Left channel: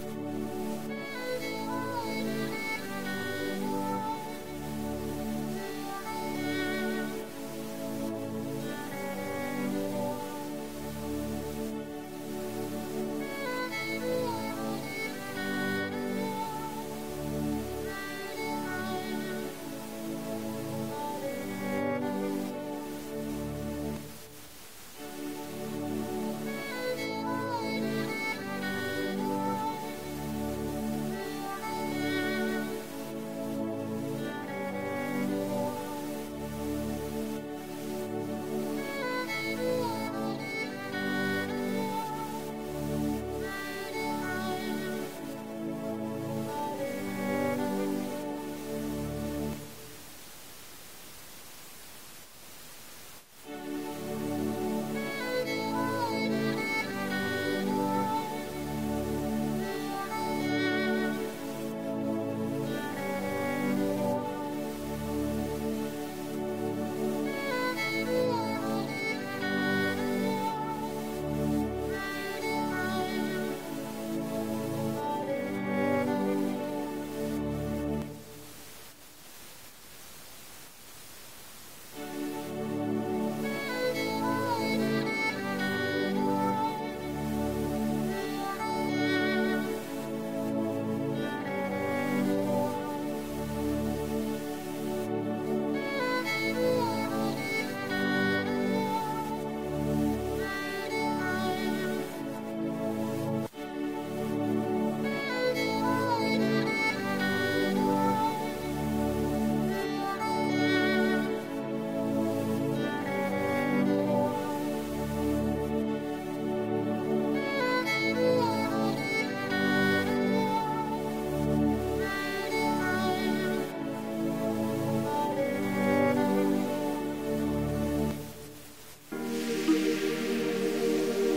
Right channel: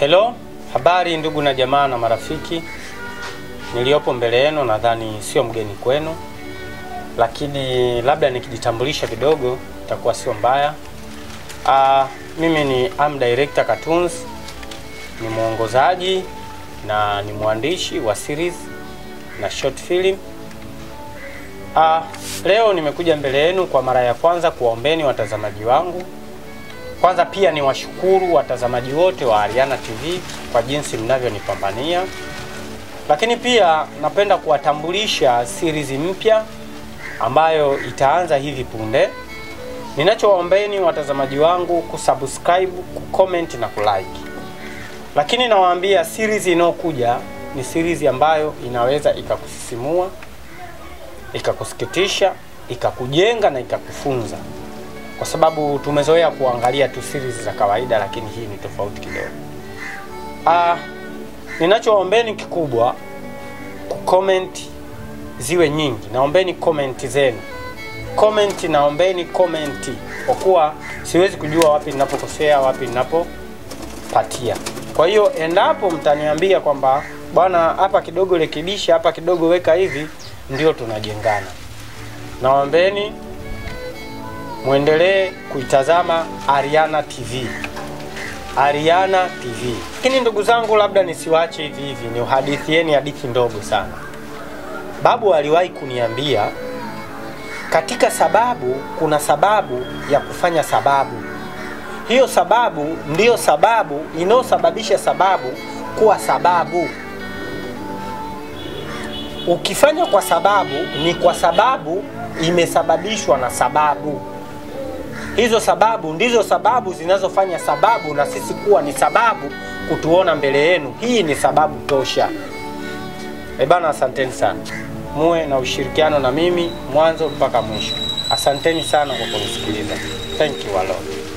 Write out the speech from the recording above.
Hello, habari ndugu na jamaa na marafiki. Niliopo mbele yenu nadhani sio mgeni kwenu, lakini labda nikijitambulisha kidogo itakuwa sio mbaya. Mimi ni Director Cartoons, ni mwongozaji na ni mwandishi wa series na short film. Leo nimekuja mbele yenu kwa mara ya kwanza kuwaombeni watazamaji wangu. Kwanza pia ni washukuru watazamaji wote wa Ariana TV kwa jinsi mnavyonipambania. Lakini pia napenda kuwatambulisha series mpya ambayo itaanza hivi punde. Ninachowaombeni watazamaji wangu kusubscribe, kucomment na kulike. Lakini nawaambia series inayokuja ni series ambayo inaweza ikakusisimua, ikakusikitisha, ikakujenga na ikakufunza. Kwa sababu tumezoea kuangalia tu series za kawaida, lakini hii ni tofauti kidogo. Ninachowaombeni kikubwa, comment ziwe nyingi. Naombeni comment zenu. Naombeni comment. Kwa kuwa siwezi kujua wapi ninapokosea, wapi ninapopatia. Kwa hiyo endapo mtaniambia kwamba bwana hapa kidogo rekebisha, hapa kidogo weka hivi, ndio tunajengana. Naombeni muendelee kuitazama Ariana TV. Ariana TV. Lakini ndugu zangu, labda nisiwache hivi hivi, ni uhadithieni hadithi ndogo sana. Babu aliwahi kuniambia katika sababu kuna sababu ya kufanya sababu. Hiyo sababu ndiyo sababu inayosababisha sababu kuwa sababu. Ukifanya kwa sababu ni kwa sababu imesababishwa na sababu. Hizo sababu ndizo sababu zinazofanya sababu na sisi kuwa ni sababu kutuona mbele yenu. Hii ni sababu tosha. Bana, asanteni sana. Muwe na ushirikiano na mimi mwanzo mpaka mwisho. Asanteni sana kwa kunisikiliza. Thank you a lot.